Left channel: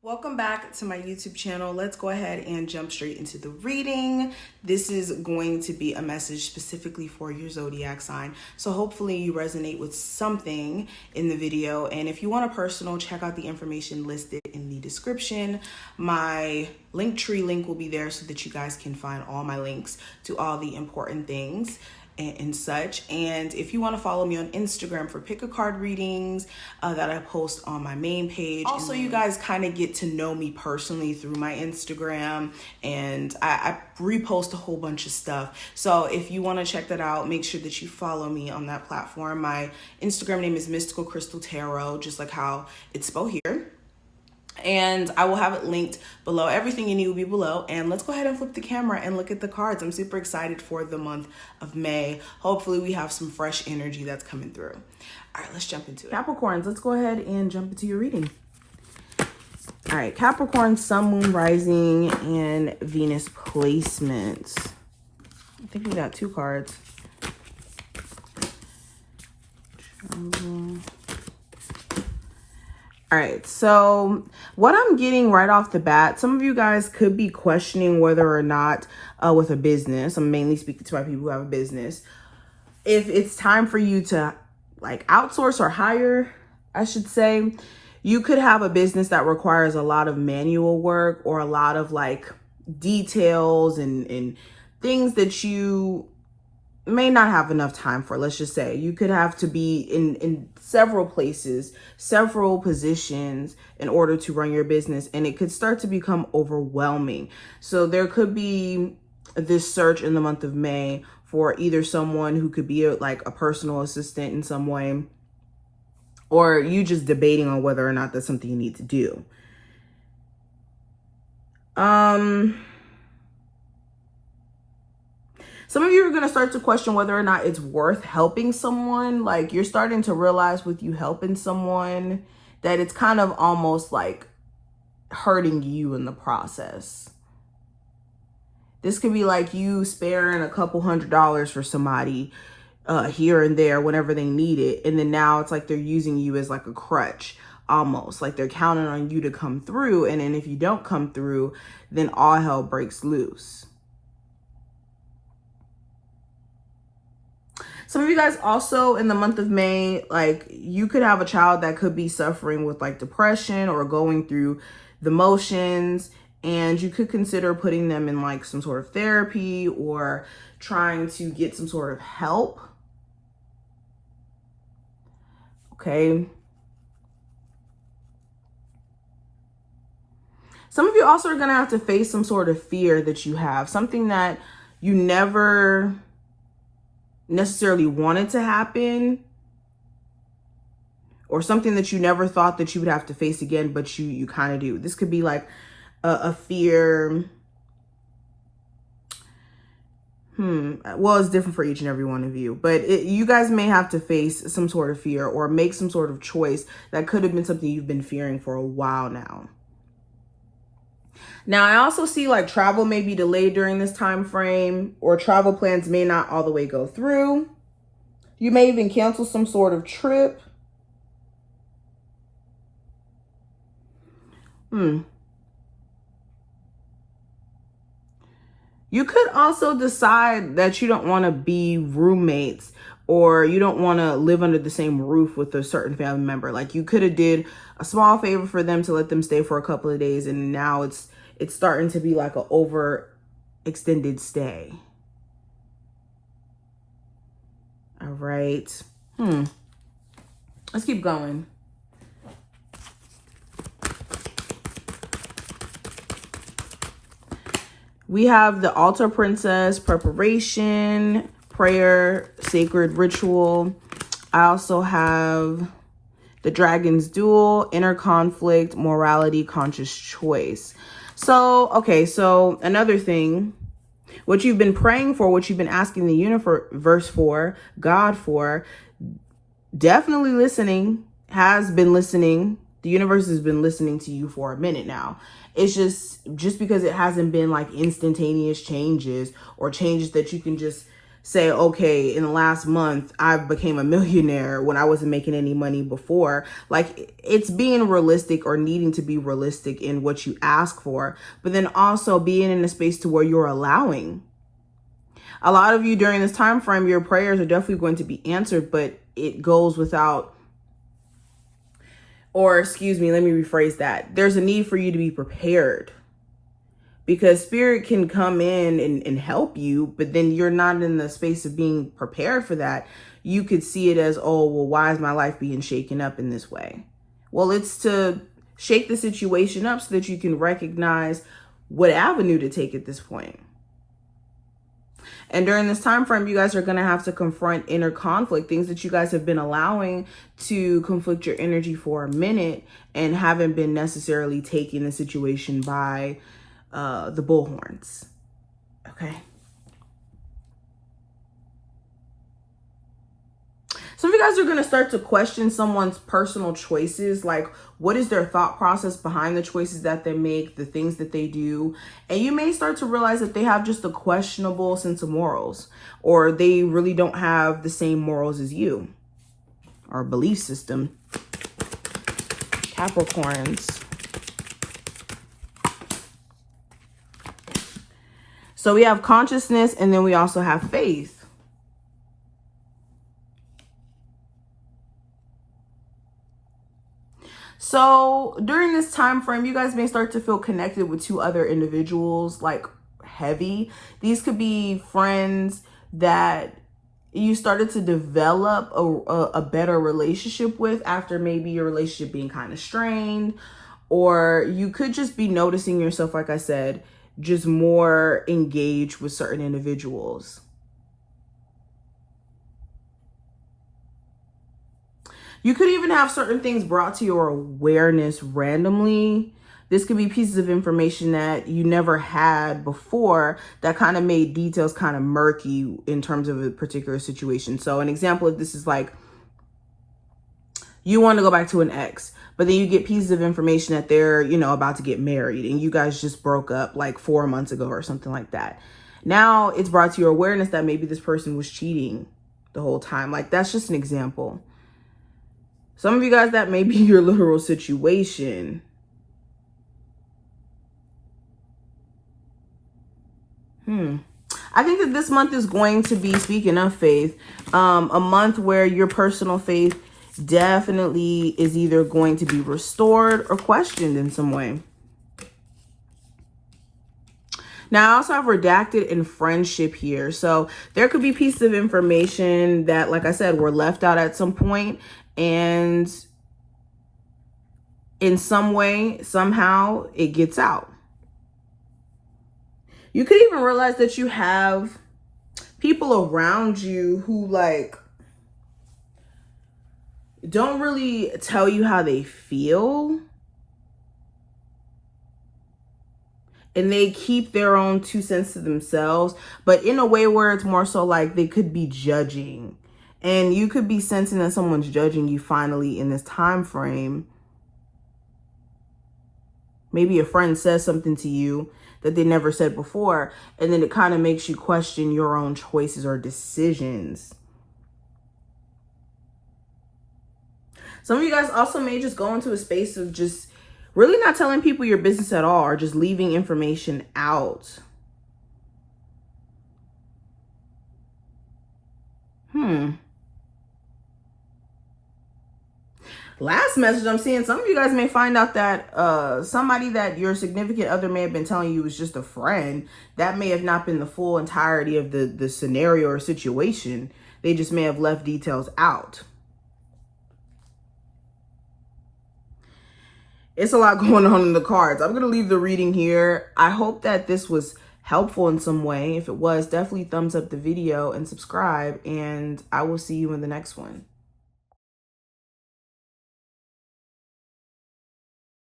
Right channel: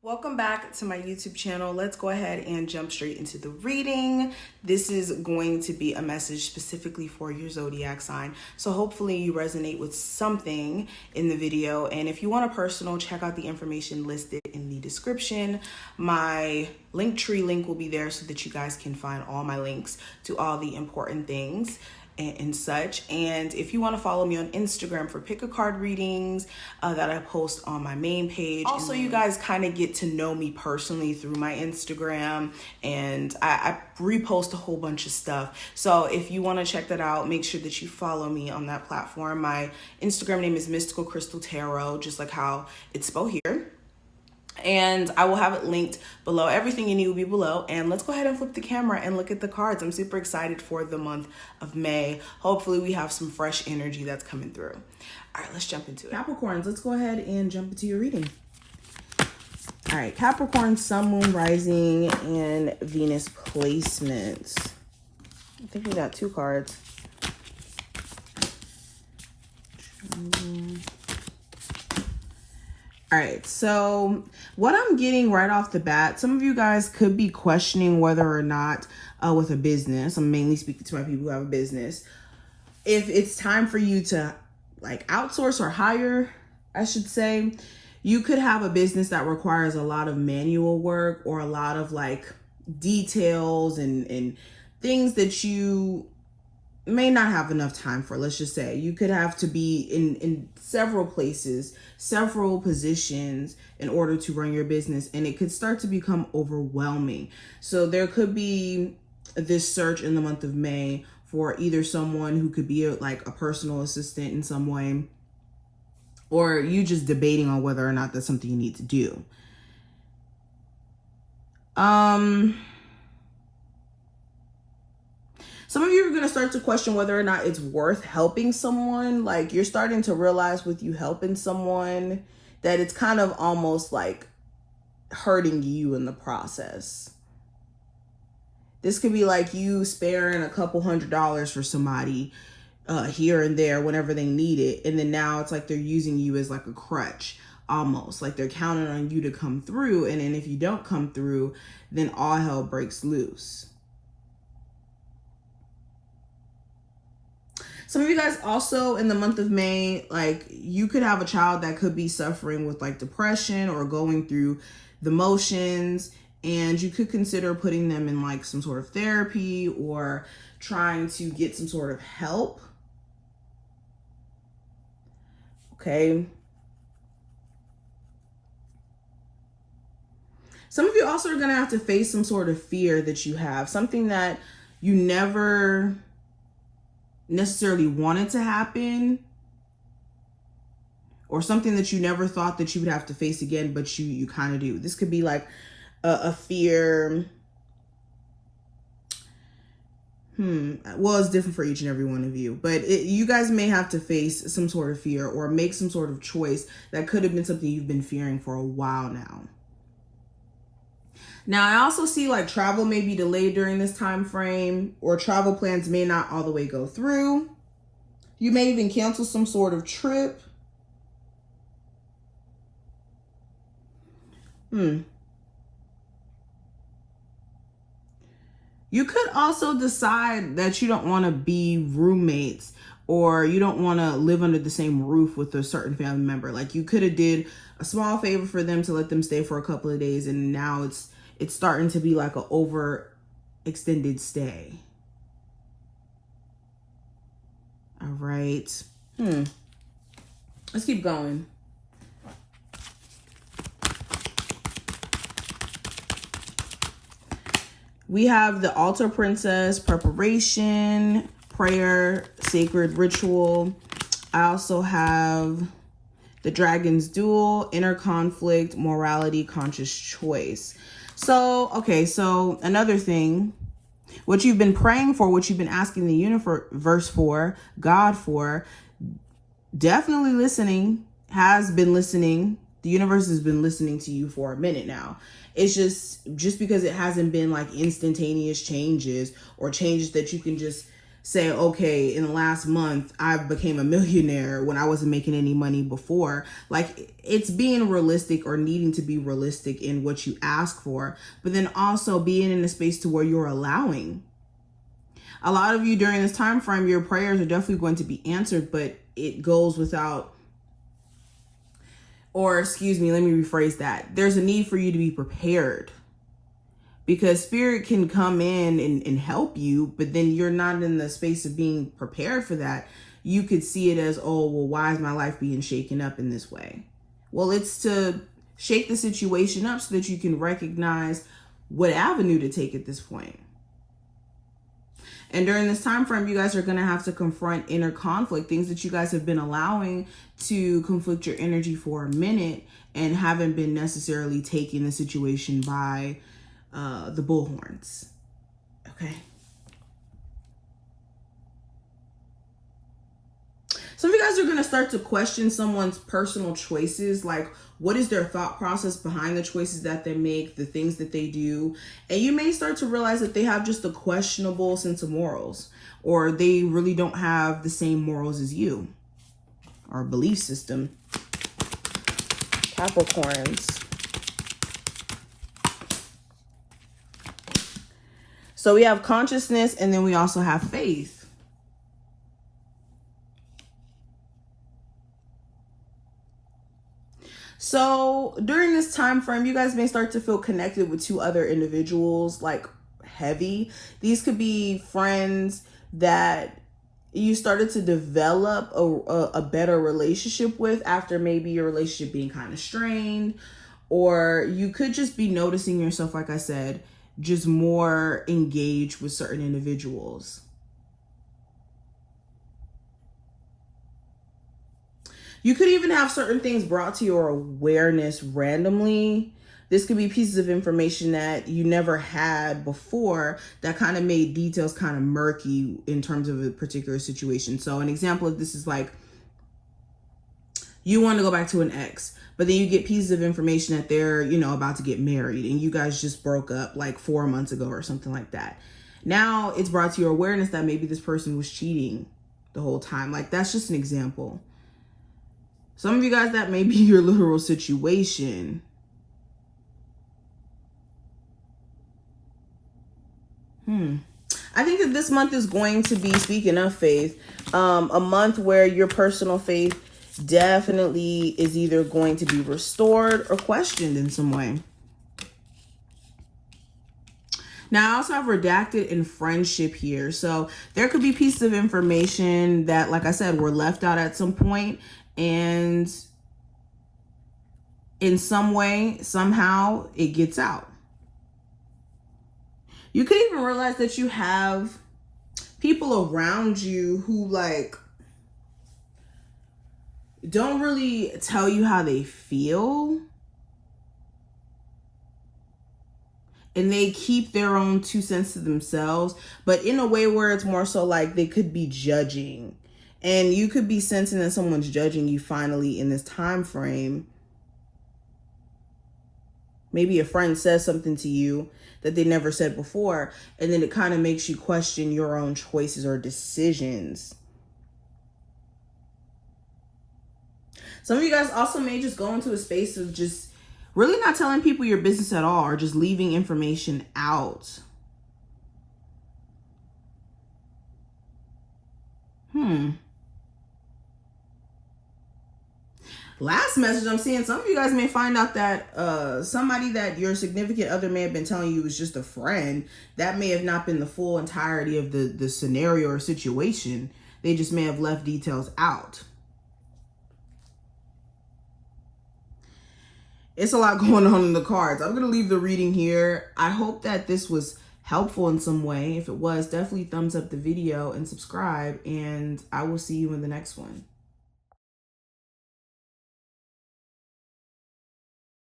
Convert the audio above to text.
Welcome back to my YouTube channel. Let's go ahead and jump straight into the reading. This is going to be a message specifically for your zodiac sign. So hopefully you resonate with something in the video. And if you want a personal, check out the information listed in the description. My Linktree link will be there so that you guys can find all my links to all the important things and such. And if you want to follow me on Instagram for pick a card readings that I post on my main page. Also, you guys kind of get to know me personally through my Instagram, and I repost a whole bunch of stuff. So if you want to check that out, make sure that you follow me on that platform. My Instagram name is Mystical Crystal Tarot, just like how it's spelled here. And I will have it linked below. Everything you need will be below. And let's go ahead and flip the camera and look at the cards. I'm super excited for the month of May. Hopefully we have some fresh energy that's coming through. All right, let's jump into it. Capricorns, let's go ahead and jump into your reading. All right, Capricorn, Sun, Moon, Rising, and Venus placements. I think we got two cards. All right, so what I'm getting right off the bat, some of you guys could be questioning whether or not with a business, I'm mainly speaking to my people who have a business, if it's time for you to like outsource or hire, I should say. You could have a business that requires a lot of manual work or a lot of like details and things that you may not have enough time for. Let's just say you could have to be in several places, several positions in order to run your business, and it could start to become overwhelming. So there could be this search in the month of May for either someone who could be like a personal assistant in some way, or you just debating on whether or not that's something you need to do. Some of you are going to start to question whether or not it's worth helping someone. Like you're starting to realize with you helping someone that it's kind of almost like hurting you in the process. This could be like you sparing a couple $100s for somebody here and there whenever they need it. And then now it's like they're using you as like a crutch, almost like they're counting on you to come through. And then if you don't come through, then all hell breaks loose. Some of you guys also in the month of May, like you could have a child that could be suffering with like depression or going through the motions, and you could consider putting them in like some sort of therapy or trying to get some sort of help. Okay. Some of you also are going to have to face some sort of fear that you have, something that you never necessarily wanted to happen, or something that you never thought that you would have to face again, but you kind of do. This could be like a fear. Well, it's different for each and every one of you, but you guys may have to face some sort of fear or make some sort of choice that could have been something you've been fearing for a while now. Now, I also see like travel may be delayed during this time frame, or travel plans may not all the way go through. You may even cancel some sort of trip. You could also decide that you don't want to be roommates, or you don't want to live under the same roof with a certain family member. Like you could have did a small favor for them to let them stay for a couple of days, and now it's starting to be like an overextended stay. All right. Let's keep going. We have the Altar Princess, preparation, prayer, sacred ritual. I also have the Dragon's Duel, inner conflict, morality, conscious choice. So, okay, so another thing, what you've been praying for, what you've been asking the universe for, God for, definitely listening, has been listening. The universe has been listening to you for a minute now. It's just because it hasn't been like instantaneous changes or changes that you can just say, okay, in the last month, I became a millionaire when I wasn't making any money before. Like, it's being realistic or needing to be realistic in what you ask for, but then also being in a space to where you're allowing. A lot of you during this time frame, your prayers are definitely going to be answered, but it goes without, or excuse me, let me rephrase that. There's a need for you to be prepared. Because spirit can come in and help you, but then you're not in the space of being prepared for that. You could see it as, oh, well, why is my life being shaken up in this way? Well, it's to shake the situation up so that you can recognize what avenue to take at this point. And during this time frame, you guys are going to have to confront inner conflict, things that you guys have been allowing to conflict your energy for a minute and haven't been necessarily taking the situation by the bullhorns. Okay. Some of you guys are going to start to question someone's personal choices. Like, what is their thought process behind the choices that they make, the things that they do? And you may start to realize that they have just a questionable sense of morals, or they really don't have the same morals as you or belief system. Capricorns. So we have consciousness, and then we also have faith. So during this time frame, you guys may start to feel connected with two other individuals, like heavy. These could be friends that you started to develop a better relationship with after maybe your relationship being kind of strained, or you could just be noticing yourself, like I said, just more engaged with certain individuals. You could even have certain things brought to your awareness randomly. This could be pieces of information that you never had before that kind of made details kind of murky in terms of a particular situation. So an example of this is like, you want to go back to an ex, but then you get pieces of information that they're, you know, about to get married and you guys just broke up like 4 months ago or something like that. Now it's brought to your awareness that maybe this person was cheating the whole time. Like, that's just an example. Some of you guys, that may be your literal situation. I think that this month is going to be, speaking of faith, a month where your personal faith definitely is either going to be restored or questioned in some way. Now, I also have redacted in friendship here. So there could be pieces of information that, like I said, were left out at some point, and in some way, somehow, it gets out. You could even realize that you have people around you who, like, don't really tell you how they feel. And they keep their own 2 cents to themselves, but in a way where it's more so like they could be judging. And you could be sensing that someone's judging you finally in this time frame. Maybe a friend says something to you that they never said before, and then it kind of makes you question your own choices or decisions. Some of you guys also may just go into a space of just really not telling people your business at all, or just leaving information out. Last message I'm seeing, some of you guys may find out that somebody that your significant other may have been telling you was just a friend. That may have not been the full entirety of the scenario or situation. They just may have left details out. It's a lot going on in the cards. I'm going to leave the reading here. I hope that this was helpful in some way. If it was, definitely thumbs up the video and subscribe, and I will see you in the next one.